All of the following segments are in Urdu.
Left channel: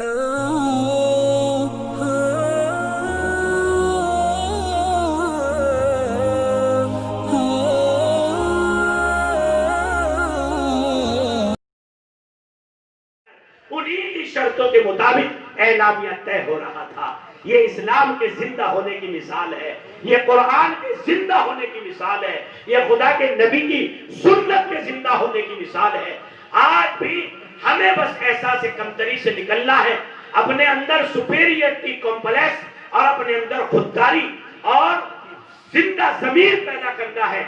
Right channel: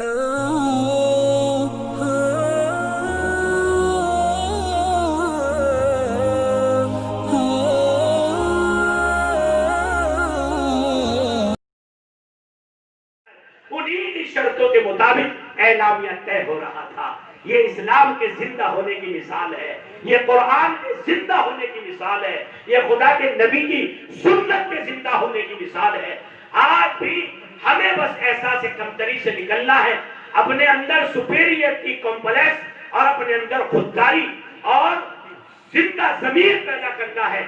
انہی کی شرطوں کے مطابق اعلامیہ طے ہو رہا تھا. یہ اسلام کے زندہ ہونے کی مثال ہے, یہ قرآن کے زندہ ہونے کی مثال ہے, یہ خدا کے نبی کی سنت کے زندہ ہونے کی مثال ہے. آج بھی ہمیں بس احساس کمتری سے نکلنا ہے, اپنے اندر سپیریئرٹی کمپلیکس اور اپنے اندر خودداری اور زندہ ضمیر پیدا کرنا ہے.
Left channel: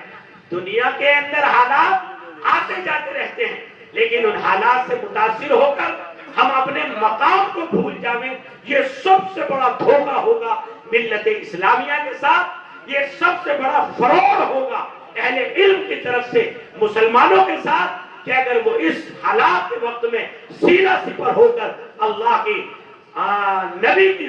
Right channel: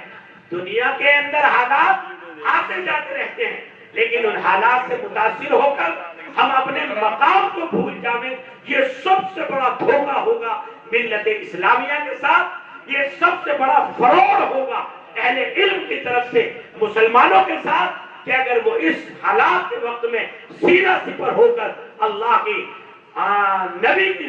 دنیا کے اندر حالات آتے جاتے رہتے ہیں, لیکن ان حالات سے متاثر ہو کر ہم اپنے مقام کو بھول جائیں, یہ سب سے بڑا دھوکہ ہوگا ملت اسلامیہ کے ساتھ, یہ سب سے بڑا فروغ ہوگا اہل علم کی طرف سے مسلمانوں کے ساتھ, کہ اگر وہ اس حالات کے وقت میں سیرہ سپر ہو کر اللہ کی نبی کی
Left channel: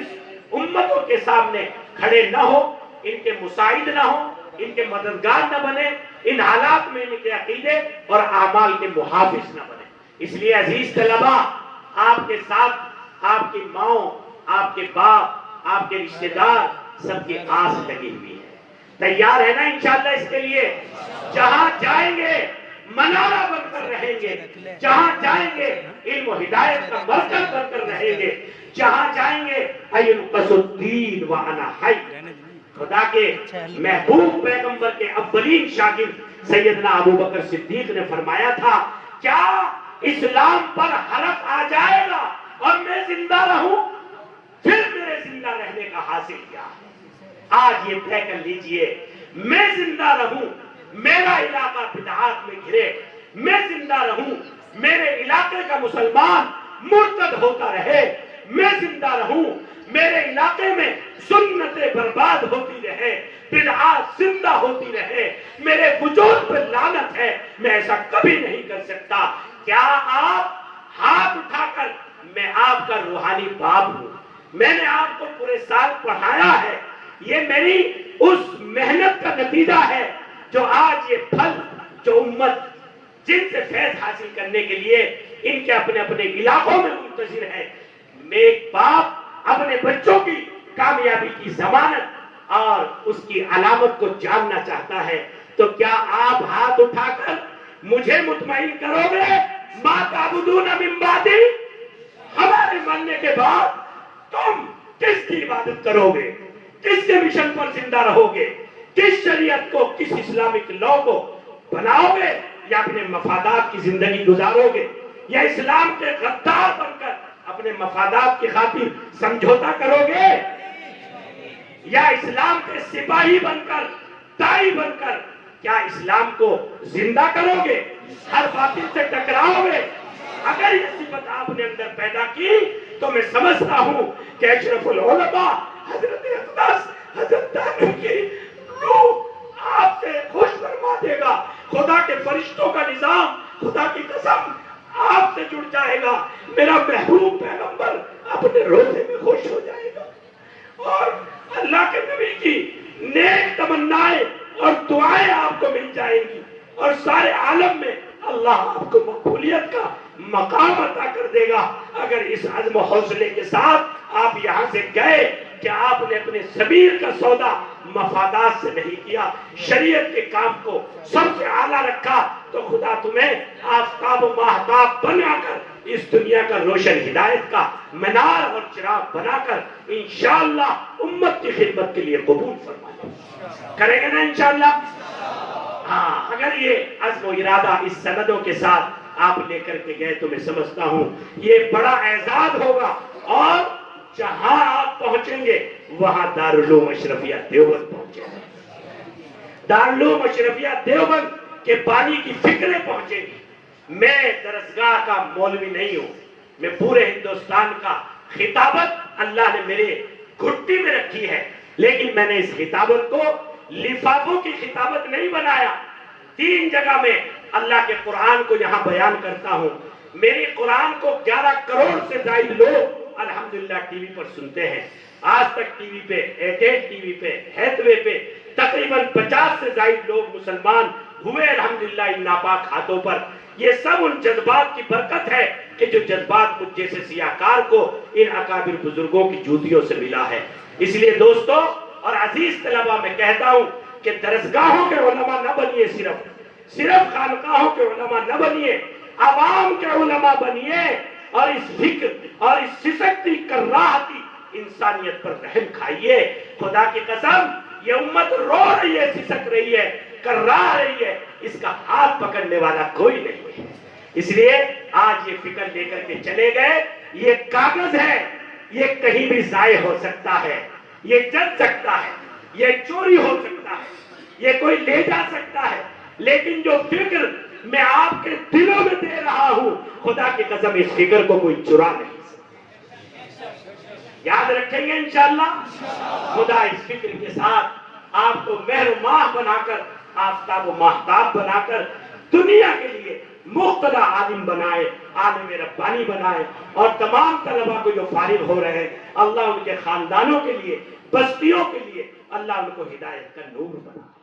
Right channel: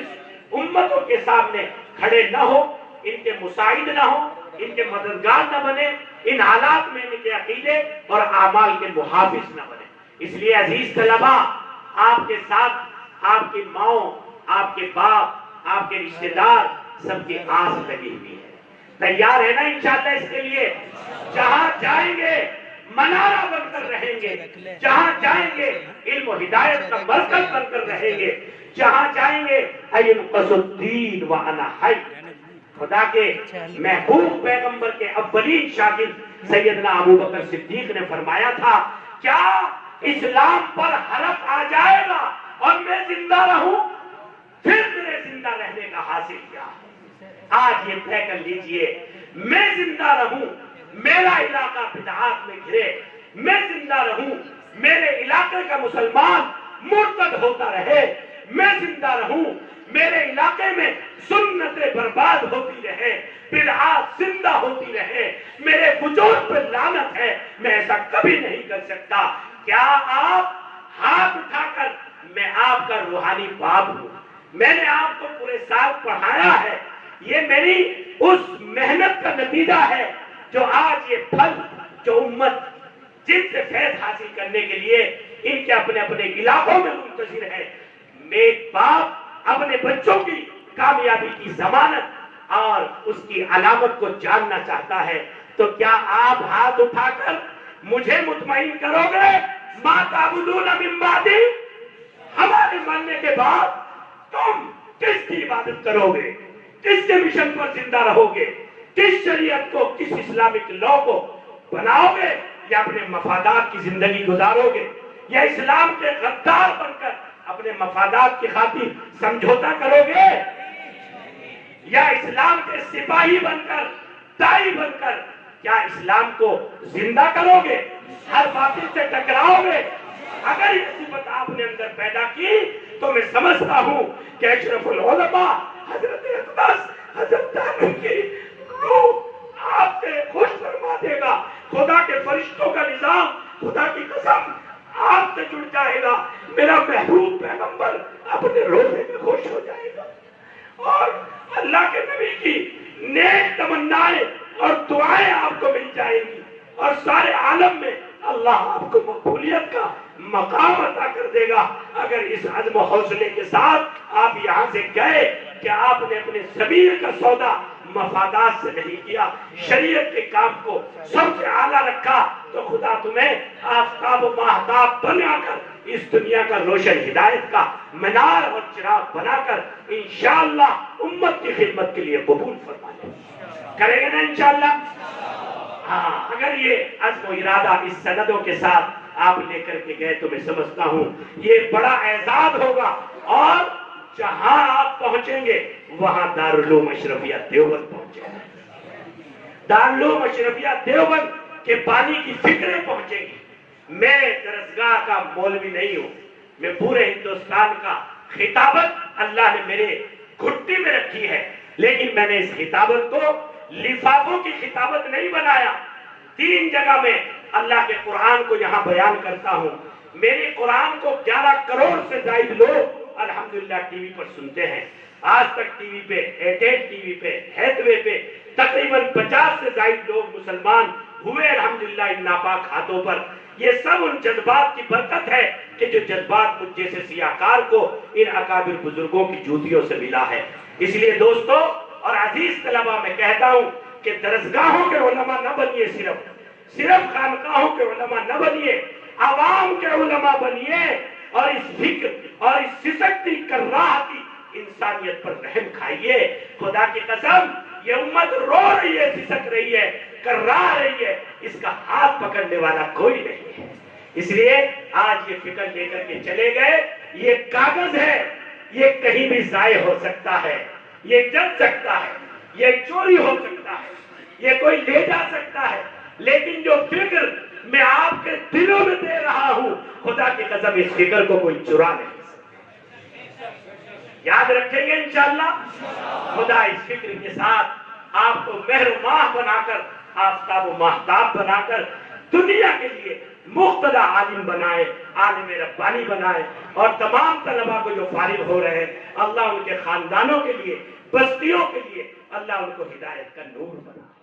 امتوں کے سامنے کھڑے نہ ہو, ان کے مساعد نہ ہو, ان کے مددگار نہ بنے, ان حالات میں ان کے عقیدے اور اعمال کے محافظ نہ بنے. اس لیے عزیز طلباء, آپ کے ساتھ آپ کی ماؤں, آپ کے باپ, آپ کے رشتہ دار سب کی آس لگی ہوئی ہے. تیار ہے نا انشاءاللہ اس کے لیے؟ جہاں جائیں گے منارہ بن کر رہیں گے, جہاں جائیں گے علم و ہدایت کا مرکز بن کر رہیں گے, جہاں جائیں گے اینقص الدین وانا حی. خدا کے محبوب پیغمبر کے اولین شاگرد سیدنا ابو بکر صدیق نے فرمایا تھا, کیا اسلام پر حلف آ جائے گا اور میں زندہ رہوں, پھر میرے زندہ رہنے کا حاصل کیا؟ آج یہ طے کر لیجئے, میں زندہ رہوں, میرا علاقہ بدعات میں گھرے, میں زندہ رہوں, میرے علاقے کا مسلمان مرتد ہوتا رہے, میں زندہ رہوں, میرے علاقے میں سنتیں برباد ہوتی رہے, بدعات زندہ ہوتی رہے, میرے وجود پر لعنت ہے, میں ایسا کبھی نہیں کر سکتا. کیا آپ ہاتھ اٹھا کر, میں آپ کا روحانی باپ ہوں, میں نے آپ کو پورے سال پڑھایا ہے, یہ میری اس محنت کا نتیجہ ہے جو آج یہ پھل, جو امت جن سے فیض حاصل کرنے کے لیے ان کے اپنے اپنے علاقوں میں منتظر ہے. ایک باپ اپنے بچوں کی کامیابی کی ضمانت اور اس کی علامت کو جاننا چاہتا ہے, تو کیا آپ ہاتھ اٹھا کر مجھے مطمئن کرو گے, ما تعبدون من بعدی, ہمارے مرنے کے بعد تم کس کی عبادت کرو گے, کس کے مشن پر زندہ رہو گے, کس شریعت کو, کس اسلامک لا کو بناؤ گے, یا اپنے مفادات کی زندگی گزارو گے, یا اسلام کے غدار بن کر اپنے مفادات کی خاطر سمجھوتا کرو گے, یا اسلام کے سپاہی بن کر, دائی بن کر کیا اسلام کو زندہ کرو گے, ہر باطل سے ٹکراؤ گے؟ اگر یہ صفت آپ نے اندر پیدا کی تو میں سمجھتا ہوں کہ اشرف العلماء حضرت اقدس حضرت دانو کی روح آپ سے خوش فرما دے گا, خدا کے فرشتوں کا نظام, خدا کی قسم آپ سے جڑ جائے گا, میرا محبوب پیغمبر اپنے روزے میں خوش ہو جائے گا, اور اللہ کے نبی کی نیک تمنائیں اور دعائیں آپ کو مل جائیں گی, اور سارے عالم میں اللہ آپ کو مقبولیت کا مقام عطا کر دے گا. اگر اس عزم و حوصلے کے ساتھ آپ یہاں سے گئے کہ آپ نے اپنے ضمیر کا سودا مفادات سے نہیں کیا, شریعت کے کام کو سب سے اعلیٰ رکھا, تو خدا تمہیں آفتاب و ماہتاب بنا کر اس دنیا کا روشن ہدایت کا منار اور چراغ بنا کر انشاءاللہ امت کی خدمت کے لیے قبول فرما لے. کرے گا نا انشاءاللہ؟ ہاں, اگر یہ عزم و ارادہ اس سندوں کے ساتھ آپ لے کر کے گئے تو میں سمجھتا ہوں یہ بڑا اعزاز ہوگا, اور جہاں آپ پہنچیں گے وہاں دارالعلوم اشرفیہ دیوبند پہنچے گا, دارالعلوم اشرفیہ دیوبند کے بانی کی فکریں پہنچیں گی. میں درسگاہ کا مولوی نہیں ہوں, میں پورے ہندوستان کا خطابت اللہ نے میرے گھٹی میں رکھی ہے, لیکن میں نے اس خطابت کو لفافوں کی خطابت نہیں بنایا. 3 جگہ میں اللہ کے قرآن کو یہاں بیان کرتا ہوں. میرے قرآن کو 11 کروڑ سے زائد لوگ الحمدللہ ٹی وی پر سنتے ہیں. آج تک ٹی وی پہ, ایئرٹیل ٹی وی پہ, ہیتھوے پہ تقریباً 50 سے زائد لوگ مسلمان ہوئے الحمدللہ ان ناپاک ہاتھوں پر. یہ سب ان جذبات کی برکت ہے کہ جو جذبات مجھ جیسے سیاہکار کو ان اکابر بزرگوں کی جوتیوں سے ملا ہے۔ اس لیے دوستو اور عزیز طلبہ، میں کہتا ہوں کہ درسگاہوں کے علماء نہ بنیے، صرف خانقاہوں کے علماء نہ بنیے، عوام کے علماء بنیے، اور اس فکر اور اس سسکتی کراہتی انسانیت پر رحم کھائیے۔ خدا کی قسم یہ امت رو رہی ہے، سسک رہی ہے، کرا رہی ہے، اس کا ہاتھ پکڑنے والا کوئی نہیں ہے۔ اس لیے آج یہ فکر لے کر کے چلے گئے، یہ کاغذ ہے، یہ کہیں بھی ضائع ہو سکتا ہے، یہ جل سکتا ہے، یہ چوری ہو سکتا ہے، یہ کوئی لے جا سکتا ہے، لیکن جو فکر میں آپ کے دلوں میں دے رہا ہوں، خدا کی قسم اس فکر کو کوئی چرا نہیں سکتا۔ یاد رکھیں گے انشاءاللہ۔ خدا اس فکر کے ساتھ آپ کو مہر و ماہ بنا کر، آفتاب و ماہتاب بنا کر دنیا کے لیے مقتدی عالم بنائے، عالم ربانی بنائے، اور تمام طلباء کو جو فارغ ہو رہے ہیں، اللہ ان کے خاندانوں کے لیے، بستیوں کے لیے اللہ ان کو ہدایت کا نور بنائے۔